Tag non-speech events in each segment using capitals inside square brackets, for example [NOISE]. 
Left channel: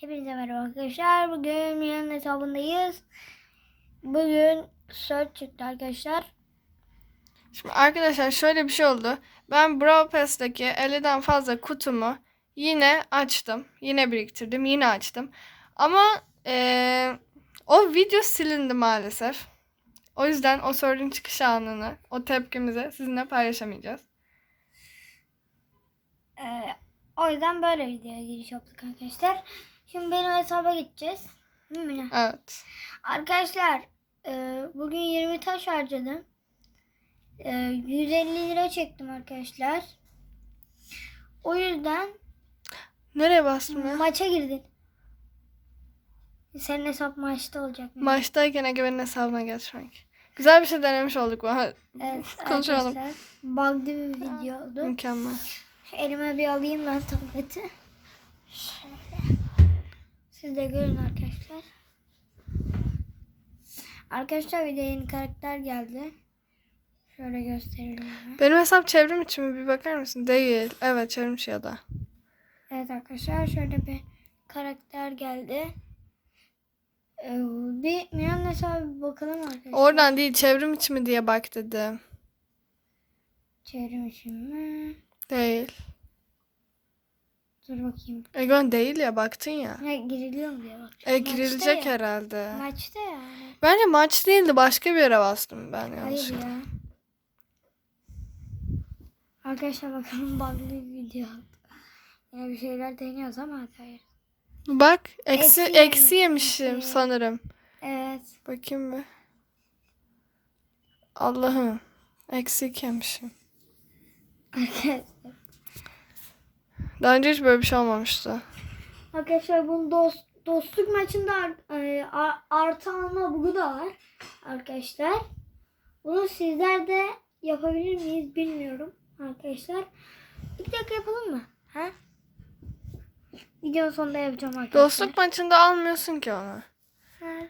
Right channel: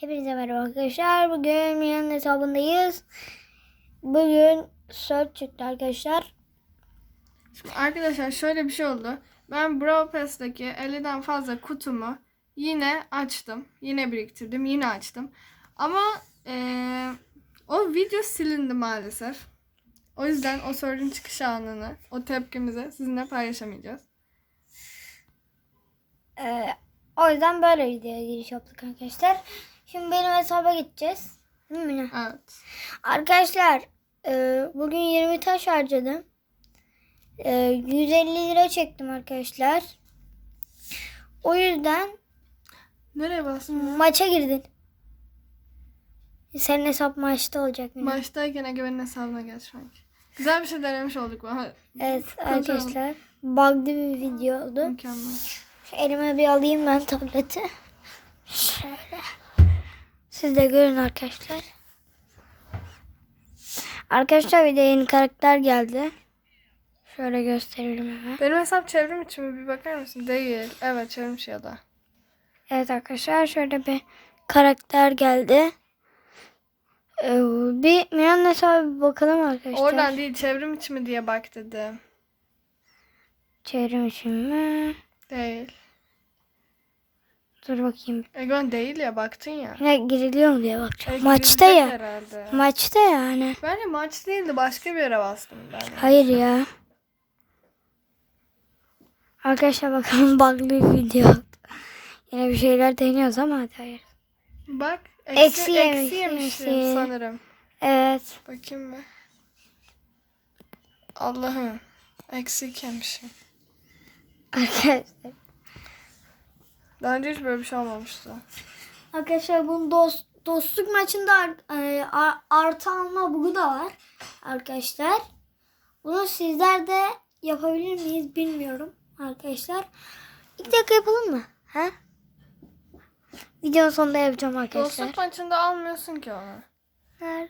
Hepinize merhaba arkadaşlar. Bugün Milan'ın hesabındayız. Bugün search çıktı arkadaşlar. Şimdi arkadaşlar şöyle bir şey oldu. Ben Brawl Pass'taki 50'den fazla kutumu yine açtım. Yine biriktirdim. Yine açtım. Ama eee, o video silindi maalesef. O yüzden o sorunun çıkış anını, o tepkimizi sizinle paylaşamayacağız. Ee, o yüzden böyle videoya giriş yaptık arkadaşlar. Şimdi benim hesaba gideceğiz. Değil mi? Evet. Arkadaşlar e, bugün 20 taş harcadım. E, 150 lira çektim arkadaşlar. O yüzden Nereye bastım ya? maça girdin. Senin hesap maçta olacak. Milan. Maçtayken Egemen'in hesabına geçmek. Güzel bir şey denemiş olduk. bu. Ha, Evet Konuşalım. arkadaşlar. Bug'lı bir video oldu. Mükemmel. Elime bir alayım ben tableti. Şöyle. Siz de görün arkadaşlar. Arkadaşlar bir de yeni karakter geldi. Şöyle gösterelim hemen. Benim hesap çevrim için mi? Bir bakar mısın? Değil. Evet çevrim ya da. Evet arkadaşlar şöyle bir karakter geldi. Ee, bir Miran hesabı bir bakalım arkadaşlar. Oradan değil çevrim içi mi diye bak dedim. Çevrim için mi? Değil. Dur bakayım. Egon değil ya baktın ya. Yine giriliyor mu diye bakacağım. E, Maçta ya. herhalde. Maçta yani. Bence maç değildi başka bir yere bastım ben. Hayır ya. Arkadaşlar bakalım [LAUGHS] bug'lı video. Yine bir şeyler deniyoruz ama hadi hayır. Bak eksi, Eksi eksi, yemiş, yemişim eksi. sanırım. Evet. Bakayım bir. Allah'ım. Eksik yemişim. Arkadaşlar. Daha önce hiç böyle bir şey olmamıştı. Arkadaşlar bunun dost, dostluk maçında e, artı alma bugu da var. Arkadaşlar. Bunu sizler de yapabilir miyiz bilmiyorum. Arkadaşlar. İlk dakika yapalım mı? He? Videonun sonunda yapacağım arkadaşlar. Dostluk maçında almıyorsun ki onu. Nerede?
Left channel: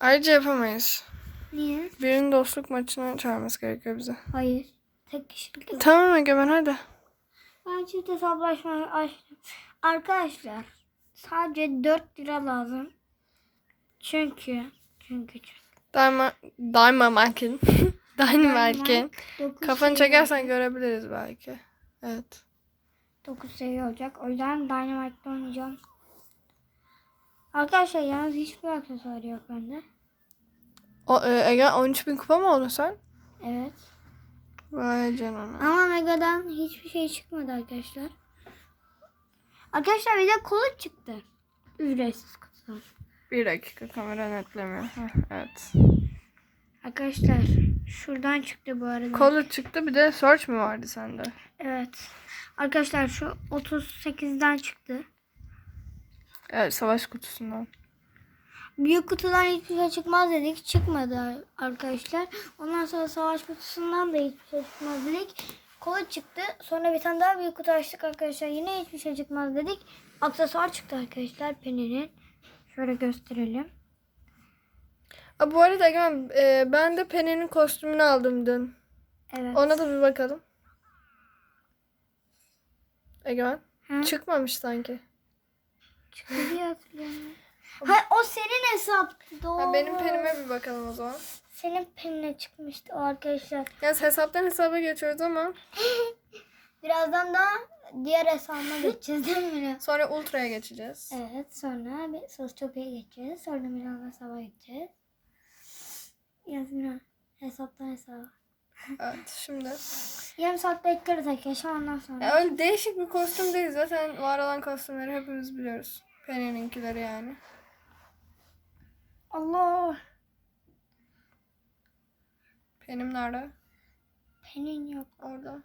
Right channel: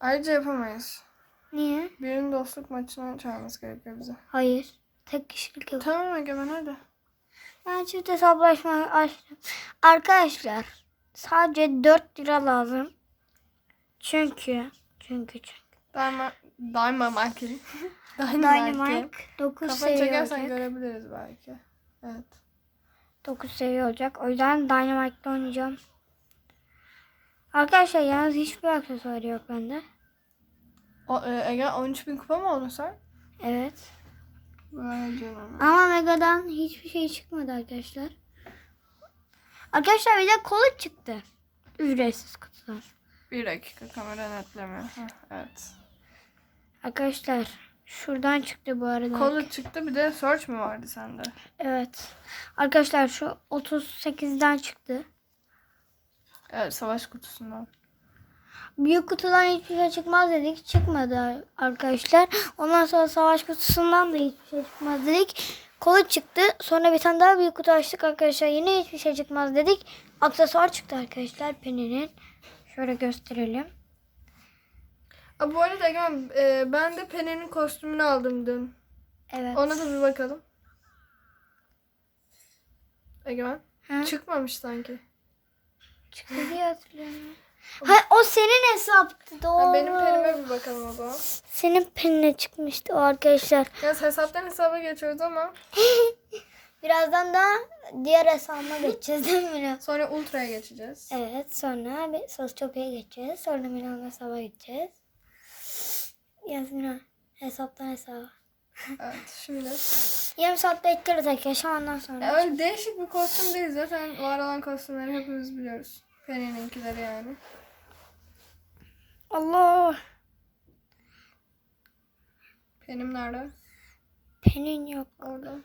Ayrıca yapamayız. Niye? Birinin dostluk maçına çağırması gerekiyor bize. Hayır. Tek kişilik yok. Tamam Egemen hadi. Ben çift hesaplaşma açtım. Arkadaşlar sadece 4 lira lazım. Çünkü çünkü çünkü. Daima, daima Markin. [LAUGHS] Daima Markin. 9 Kafanı çekersen görebiliriz belki. Evet. 9 seviye olacak. O yüzden Dynamite'da oynayacağım. Arkadaşlar yalnız hiçbir aksesuar yok bende. O, e, Ege 13 bin kupa mı oldun sen? Evet. Vay canına. Ama Mega'dan hiçbir şey çıkmadı arkadaşlar. Arkadaşlar bir de kola çıktı. Ücretsiz kutudan. Bir dakika kamera netlemiyor. Evet. Arkadaşlar şuradan çıktı bu arada. Kolu çıktı bir de search mü vardı sende? Evet. Arkadaşlar şu 38'den çıktı. Evet savaş kutusundan. Büyük kutudan hiçbir şey çıkmaz dedik. Çıkmadı arkadaşlar. Ondan sonra savaş kutusundan da hiçbir şey çıkmaz dedik. Kola çıktı. Sonra bir tane daha büyük kutu açtık arkadaşlar. Yine hiçbir şey çıkmaz dedik. Aksesuar çıktı arkadaşlar Penny'nin. Şöyle gösterelim. Aa, bu arada Egen e, ben de Penny'nin kostümünü aldım dün. Evet. Ona da bir bakalım. Egen Ha? çıkmamış sanki. çıktı diye hatırlıyorum. Ha, o senin hesaptı. Doğru. Ha, benim Penny'me bir bakalım o zaman. Senin penine çıkmıştı o arkadaşlar. Yalnız hesaptan hesaba geçiyoruz ama [LAUGHS] Birazdan da diğer hesabıma geçeceğiz değil mi Miran? sonra Ultra'ya geçeceğiz. Evet sonra bir Sosyopya'ya geçeceğiz. Sonra Milan hesaba geçeceğiz. Yasmin hesaptan hesaba. [LAUGHS] Evet şimdi. Yarım saat bekleriz arkadaşlar ondan sonra. Ya değişik bir kostüm değil. Zaten var olan kostümleri hepimiz biliyoruz. Penny'ninkileri yani. Allah. Penny'm nerede? Penin yok. Orada.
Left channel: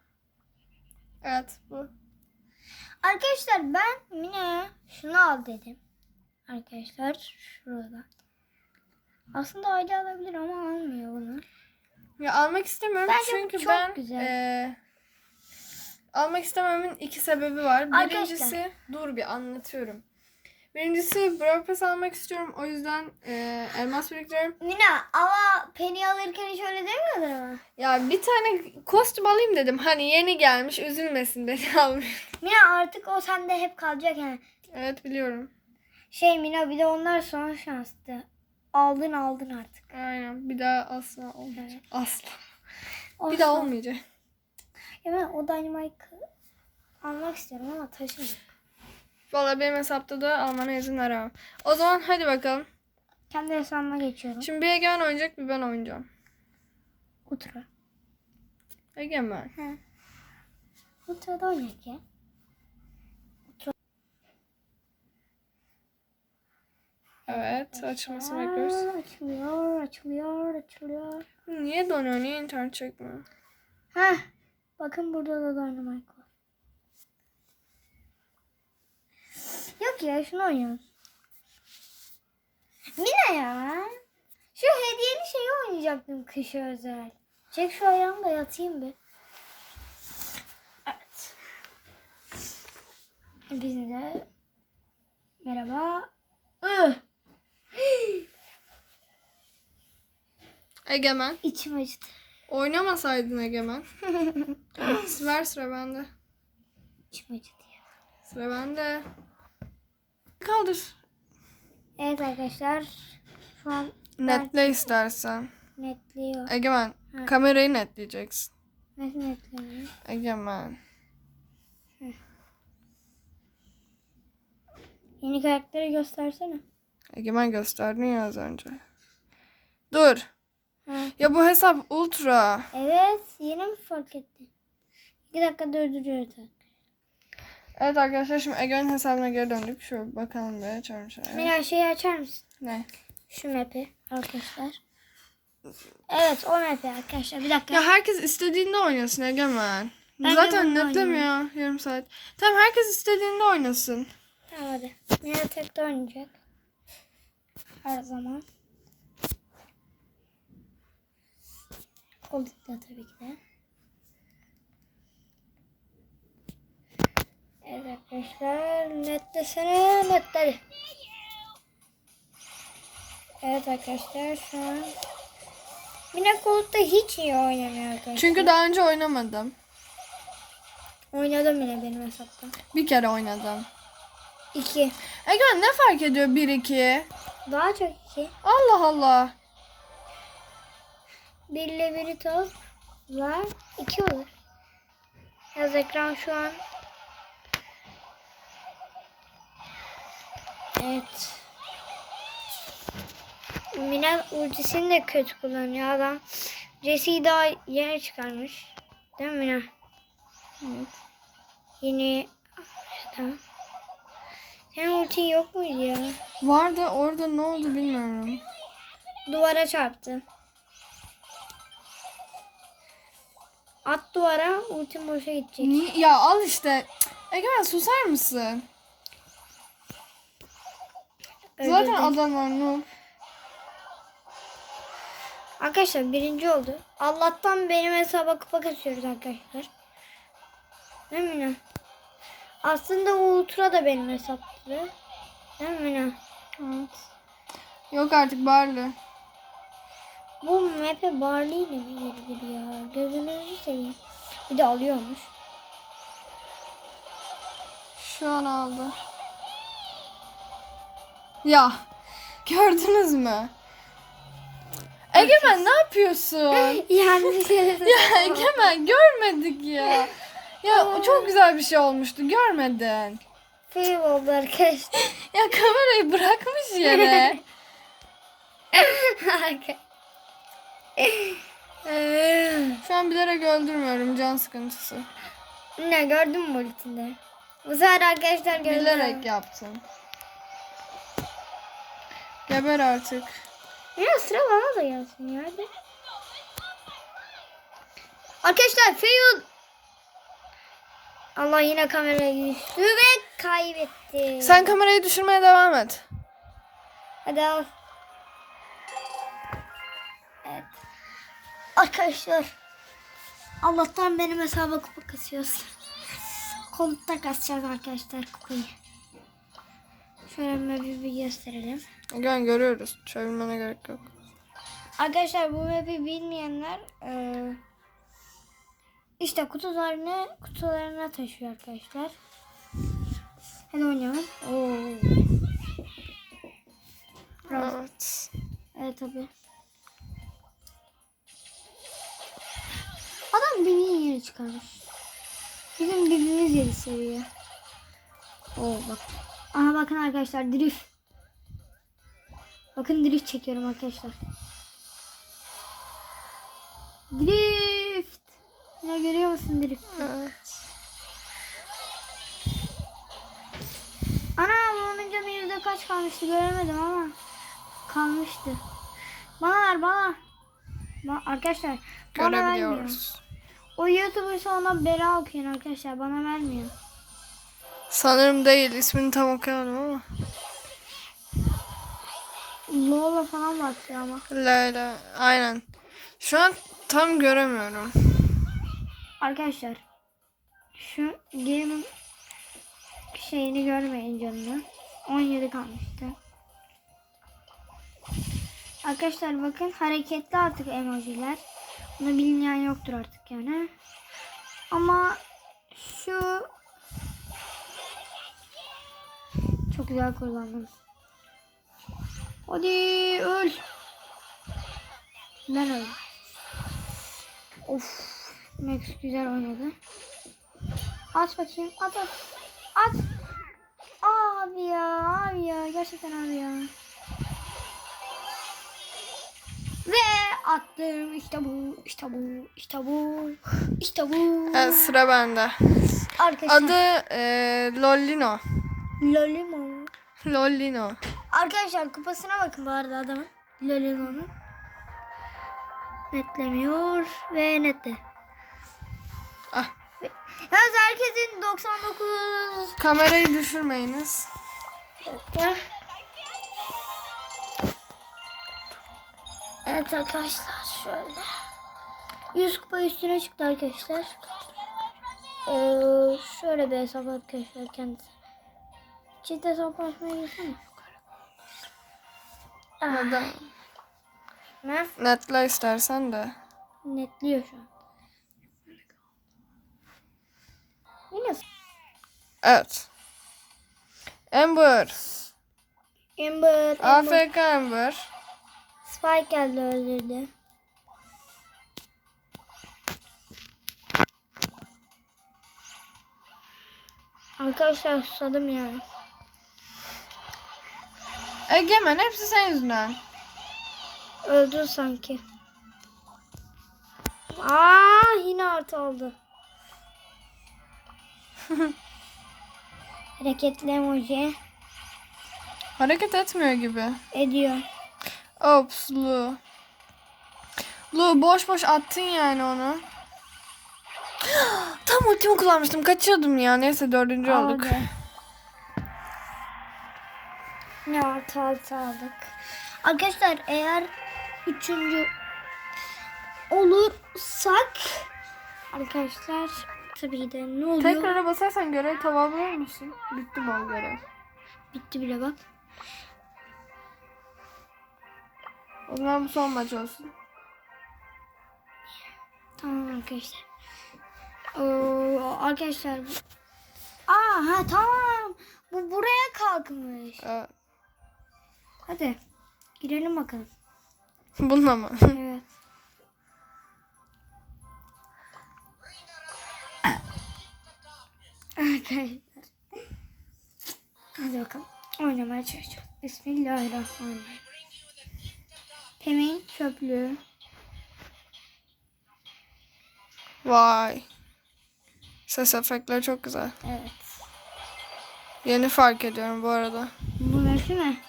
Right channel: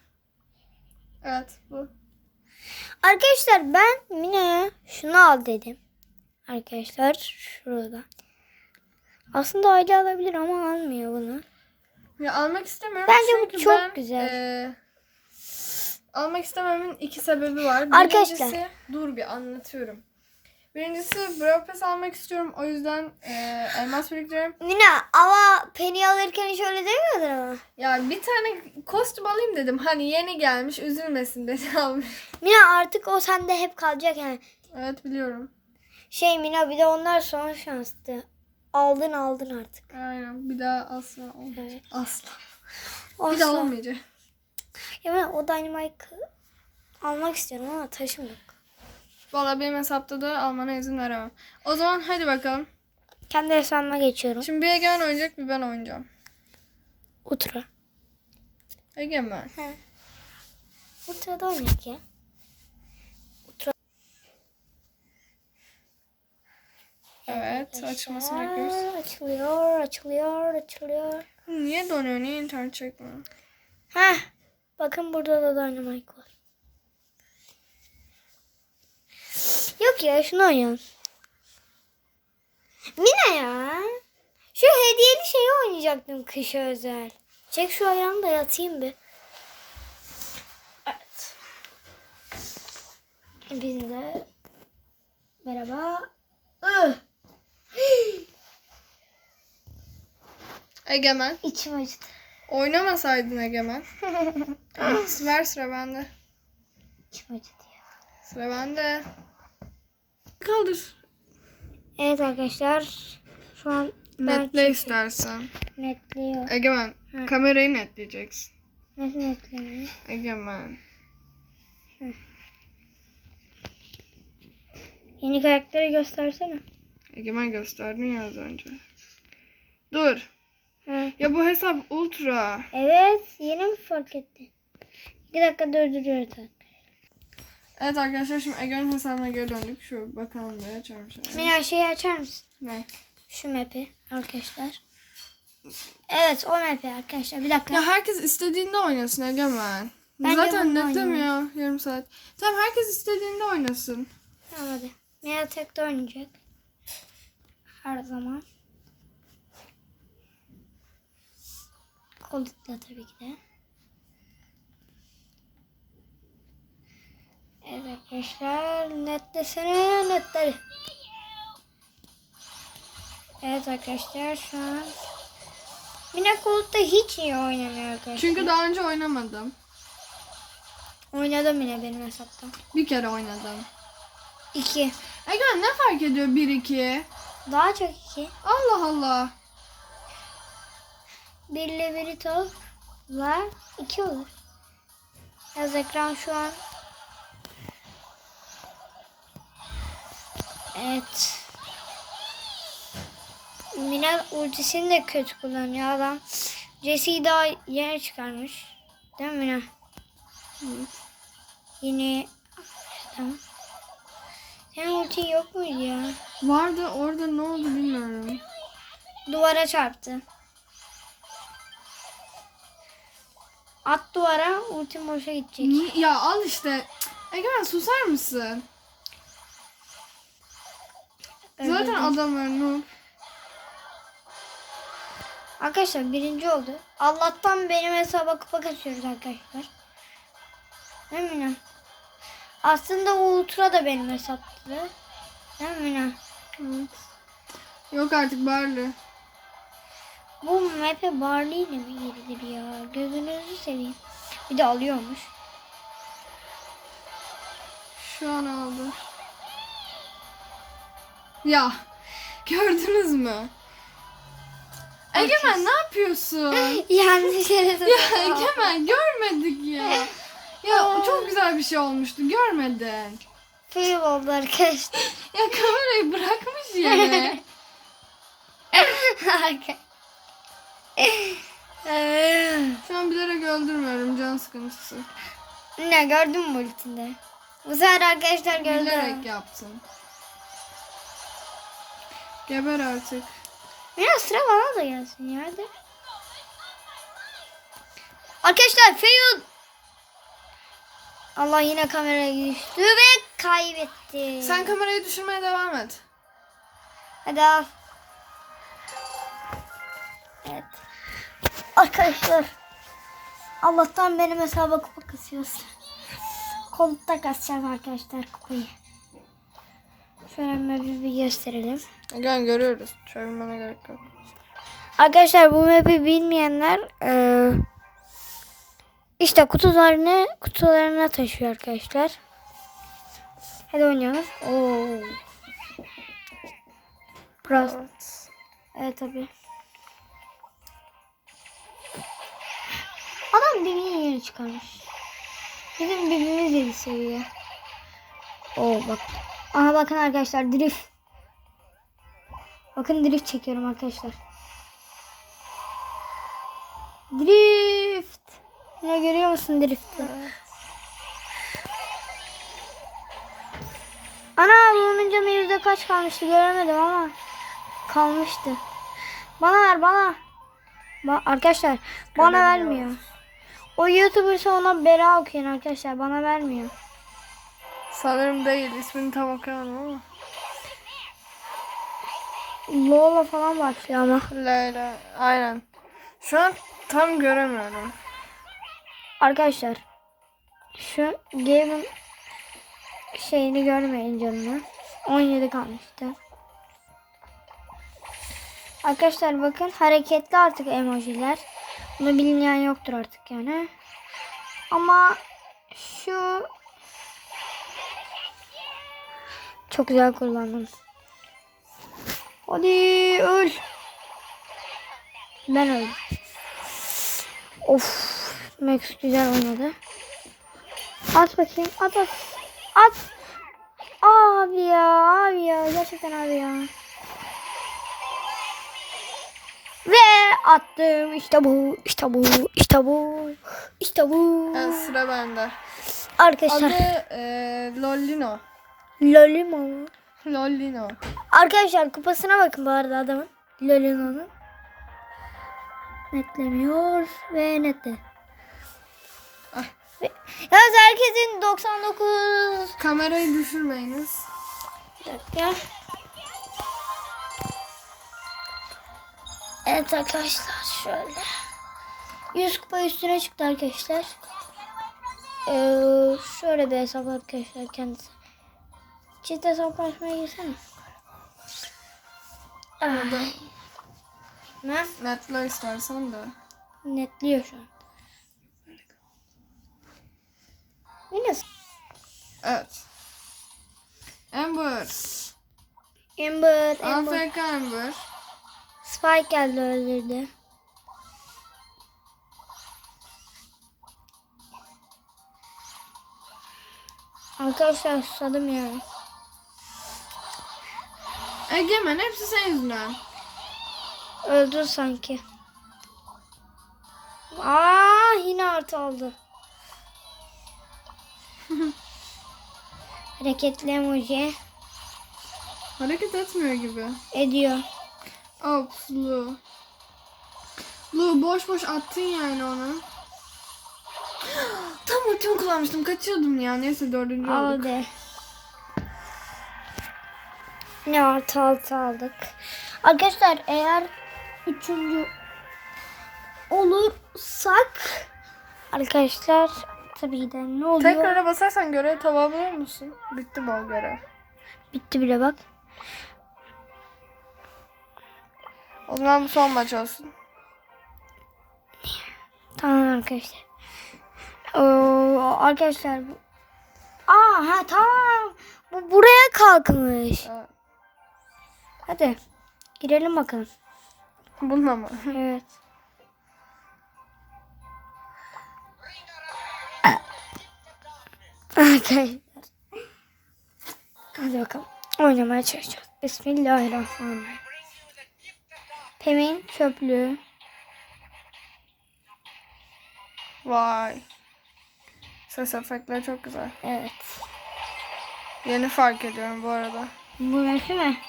Evet bu. Arkadaşlar ben Mina'ya şunu al dedim. Arkadaşlar şurada. Aslında aile alabilir ama almıyor bunu. Ya almak istemiyorum Bence bu çünkü çok ben, güzel. eee, almak istememin iki sebebi var. Arkadaşlar. Birincisi, dur bir anlatıyorum. Birincisi Brawl Pass almak istiyorum. O yüzden eee, elmas biriktiriyorum. Mina ama Penny alırken hiç öyle demiyordun ama. Ya bir tane kostüm alayım dedim. Hani yeni gelmiş üzülmesin dedi [LAUGHS] almış. Mina artık o sende hep kalacak yani. Evet biliyorum. Şey Mina bir de onlar son şanstı. Aldın aldın artık. Aynen. Bir daha asla olmayacak. Evet. Asla. Bir Olsun. daha olmayacak. Ya ben o Dynamite'ı almak istiyorum ama taşım yok. Valla benim hesapta da almana izin veremem. O zaman hadi bakalım. Kendi hesabıma geçiyorum. Şimdi bir Egemen oynayacak bir ben oynayacağım. Ultra. Egemen. Ultra'da oynayak ya. Evet açılmasını bekliyoruz. Açılıyor, açılıyor, açılıyor. Niye donuyor? Niye internet çekmiyor? Heh. Bakın burada da Dynamite var. Yok ya şunu oynayalım. Mina ya. Şu hediyeli şeyi oynayacaktım kışa özel. Çek şu ayağımı da yatayım bir. Evet. Biz de merhaba. Egemen. İçim acıdı. Oynamasaydın Egemen. [LAUGHS] Ver sıra bende. İçim acıdı ya. Sıra bende. Kaldır. Evet arkadaşlar. Şu an Netle istersen. netliyor. Egemen. Hı. Kamerayı netleyeceksin. Nasıl netleniyor? Egemen. Yeni karakteri göstersene. Egemen gösterdin ya az önce. Dur. Ha. Ya bu hesap ultra. Evet. Yeni mi fark ettin? Bir dakika durduruyoruz. Evet arkadaşlar şimdi Egemen'in hesabına geri döndük. Şu bakalım bir açalım şöyle. Mira şeyi açar mısın? Ne? Şu map'i arkadaşlar. Evet o map'i arkadaşlar. Bir dakika. Ya herkes istediğinde oynasın Egemen. Ben Zaten netlemiyor yarım saat. Tamam herkes istediğinde oynasın. Tamam hadi. Mira tek de oynayacak. Her zaman. Koldukla tabii ki de. Evet arkadaşlar netlesene netledi. Evet arkadaşlar şu an Mina koltukta hiç iyi oynamıyor arkadaşlar. Çünkü daha önce oynamadım. Oynadım yine benim hesapta. Bir kere oynadım. İki. Egemen ne fark ediyor 1-2? Daha çok iki. Allah Allah. Bir ile biri tozlar. iki olur. Yaz ekran şu an. Evet. Mina ultisini de kötü kullanıyor adam. Jesse'yi daha yeni çıkarmış. Değil mi Mina? Yeni. Tamam. Senin ultin yok muydu ya? Vardı orada ne oldu bilmiyorum. Duvara çarptı. At duvara ultim boşa gidecek. Ni- ya al işte. Egemen susar mısın? Zaten Öldürdü. adamlar noob. Arkadaşlar birinci oldu. Allah'tan benim hesaba kupa kasıyoruz arkadaşlar. Değil mi Mina? Aslında o ultra da benim hesaptı. Değil mi Mina? Evet. Yok artık Barley. Bu map'e Barley ile mi girilir ya? Gözünüzü seveyim. Bir de alıyormuş. Şu an aldı. Ya gördünüz mü? Egemen ne yapıyorsun? [LAUGHS] Yanlış yere ya Egemen görmedik ya. Ya çok güzel bir şey olmuştu görmedin. Fail oldu arkadaşlar. [LAUGHS] Ya kamerayı bırakmış yere. [LAUGHS] Arkadaşlar. Şu an bilerek öldürmüyorum can sıkıntısı. ne gördün mü ultinde? Bu sefer arkadaşlar gördüm. Bilerek yaptım. Geber artık. Biraz sıra bana da gelsin ya hadi. Arkadaşlar fail. Allah yine kameraya düştü ve kaybetti. Sen kamerayı düşürmeye devam et. Hadi al. Evet. Arkadaşlar. Allah'tan benim hesaba kupa kasıyoruz. Koltukta kasacağız arkadaşlar kupayı. Şöyle bir, bir gösterelim. Gel görüyoruz. Çevirmene gerek yok. Arkadaşlar bu map'i bilmeyenler eee, işte kutularını kutularına taşıyor arkadaşlar. Hadi oynayalım. Oo. Biraz. Evet. Evet tabii. Adam beni yeni çıkarmış. Bizim birbirimiz yedi seviye. Oo bak. Aha bakın arkadaşlar drift. Bakın drift çekiyorum arkadaşlar. Drift. Ne görüyor musun drift'i? Ana bunun canı yüzde kaç kalmıştı göremedim ama kalmıştı. Bana ver bana. Ba- arkadaşlar bana vermiyor. O YouTuber'sa ona bela okuyun arkadaşlar bana vermiyor. Sanırım değil. ismini tam okuyamadım ama. Lola falan başlıyor ama. Leyla. Aynen. Şu an tam göremiyorum. Arkadaşlar şu game'in şeyini görmeyin canını. 17 kalmıştı. Arkadaşlar bakın hareketli artık emojiler. Bunu bilmeyen yoktur artık yani. Ama şu çok güzel kullandım. Hadi öl. Ben öldüm. Of. Max güzel oynadı. At bakayım. At at. At. Abi ya. Abi ya. Gerçekten abi ya. Ve attım. İşte bu. İşte bu. İşte bu. İşte bu. Evet, sıra bende. Arkadaşlar. Adı e, Lollino. Lolimo. Lollino. Arkadaşlar kupasına bakın bu arada adamın. Lolimo'nun. Netlemiyor ve netle. Ah. Yalnız herkesin 99 Kamerayı düşürmeyiniz. Bir dakika. Evet arkadaşlar şöyle. 100 kupa üstüne çıktı arkadaşlar. Ee, şöyle bir hesap arkadaşlar kendisi. Çift hesaplaşmaya girsene. Orada ne? netle istersen de. Netliyor şu an. Yine Evet. Amber. Amber, Amber. AFK Amber. Spike geldi öldürdü. Arkadaşlar susadım ya. Egemen hepsi senin yüzünden. Öldü sanki. Aa yine artı oldu. [LAUGHS] Hareketli emoji Hareket etmiyor gibi. ediyor. Ops Lu. Lu boş boş attın yani onu. [GASPS] Tam ultimi kullanmıştım. Kaçıyordum ya. Neyse dördüncü olduk. Ne artı altı aldık. Arkadaşlar eğer üçüncü olursak arkadaşlar tabii de ne oluyor? Tekrara basarsan görev tamamlar musun? Bitti bu görev. Bitti bile bak. O zaman bu son maç olsun. Tamam arkadaşlar. Oo, arkadaşlar. Aa ha tamam. Bu buraya kalkmış. Evet. Hadi girelim bakalım. Bununla mı? [LAUGHS] Evet. Arkadaşlar. Hadi bakalım. Oynamaya çalışacağız. Bismillahirrahmanirrahim. Pemin çöplüğü. Vay. Ses efektleri çok güzel. Evet. Yeni fark ediyorum bu arada. Bu ne mi?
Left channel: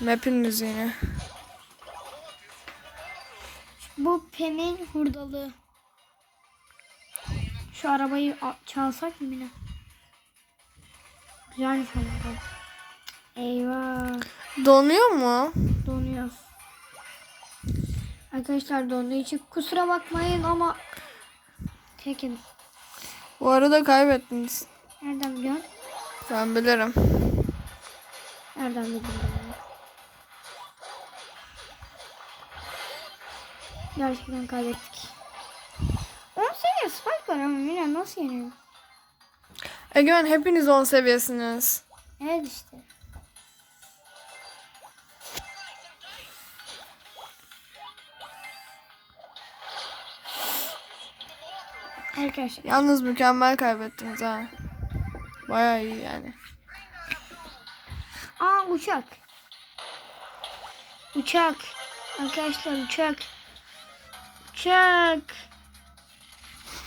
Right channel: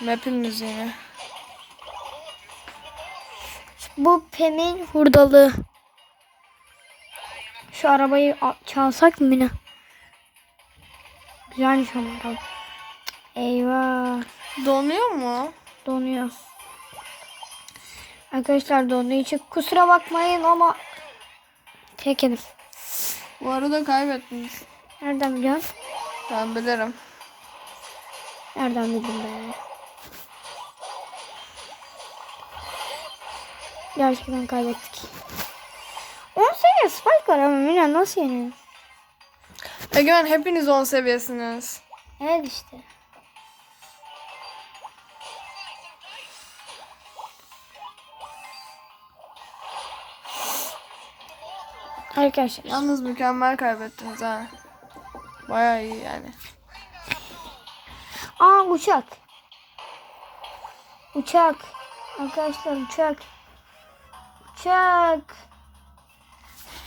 Map'in müziğini. Bu Pem'in hurdalığı. Şu arabayı çalsak mı Mina? Güzelmiş ama. Eyvah. Donuyor mu? Donuyor. Arkadaşlar donduğu için kusura bakmayın ama çekelim. Bu arada kaybettiniz. Nereden biliyorsun? Ben bilirim. Nereden bildim ben? Gerçekten kaybettik. 10 seviye spike var ama Mina nasıl yenilir? Egemen hepiniz 10 seviyesiniz. Evet işte. Arkadaşlar. Yalnız mükemmel kaybettiniz ha. Baya iyi yani. Aa uçak. Uçak. Arkadaşlar uçak. Uçak.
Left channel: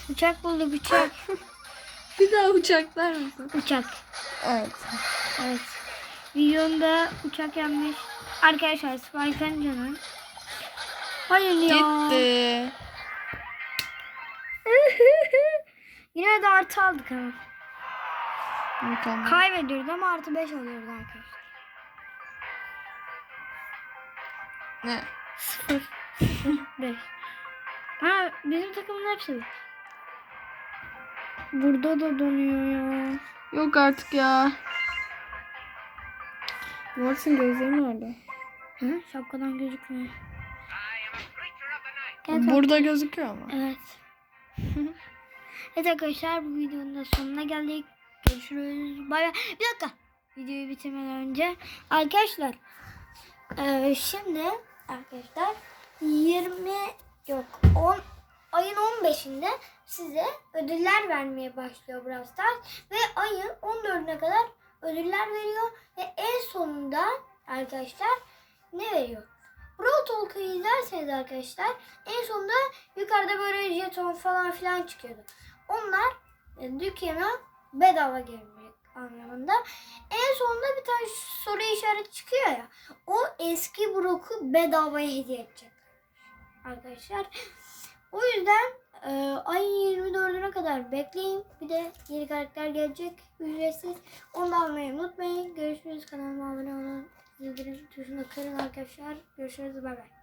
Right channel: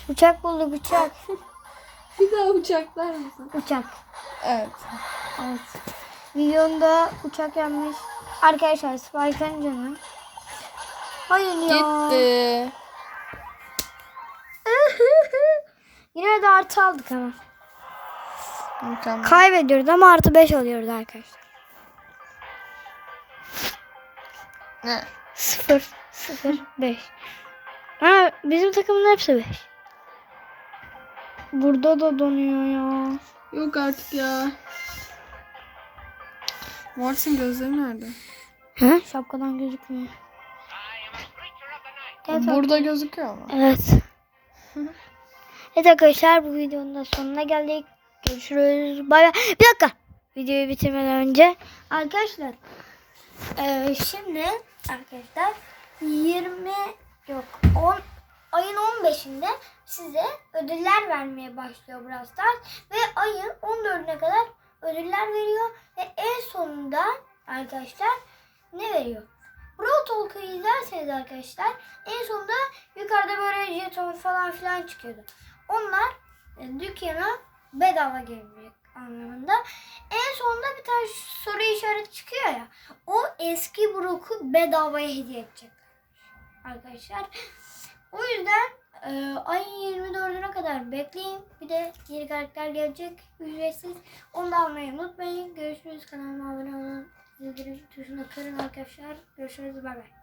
Uçak bulduk uçak. [LAUGHS] Bir daha uçaklar mısın? uçak. Evet. Evet. Videomda uçak yanmış. Arkadaşlar Spike'ın canı. Hayır ya. Gitti. [LAUGHS] Yine de artı aldık ama. Mükemmel. Kaybediyoruz ama artı 5 alıyoruz arkadaşlar. Ne? 0 0 5. Ha bizim takımın hepsi 5. Burada da donuyor ya. Yok artık ya. Mortis'in gözleri nerede? Ha? Şapkadan gözükmüyor. Evet, Burada gözüküyor ama. evet. [LAUGHS] evet arkadaşlar bu videonun da sonuna geldik. Görüşürüz. Bay bay. Bir dakika. Videoyu bitirmeden önce. Arkadaşlar. eee, şimdi arkadaşlar 20 yok 10 ayın 15'inde size ödüller vermeye başlıyor Brawl Stars ve ayın 14'üne kadar ödüller veriyor ve en sonunda arkadaşlar ne veriyor? Brawl Talk'ı izlerseniz arkadaşlar en sonunda yukarıda böyle jeton falan filan çıkıyordu. Onlar e, dükkana bedava gelecek anlamında. En sonunda bir tane soru işareti çıkıyor ya. O eski Brock'u bedavaya hediye edecek arkadaşlar. O yüzden e, ayın 24'üne kadar bekleyin. Bir de yeni karakter gelecek ücretsiz. Onu da almayı unutmayın. Görüşürüz. Kanalıma abone olun. Zildirim tuşuna kırın arkadaşlar. Görüşürüz. Bay bay.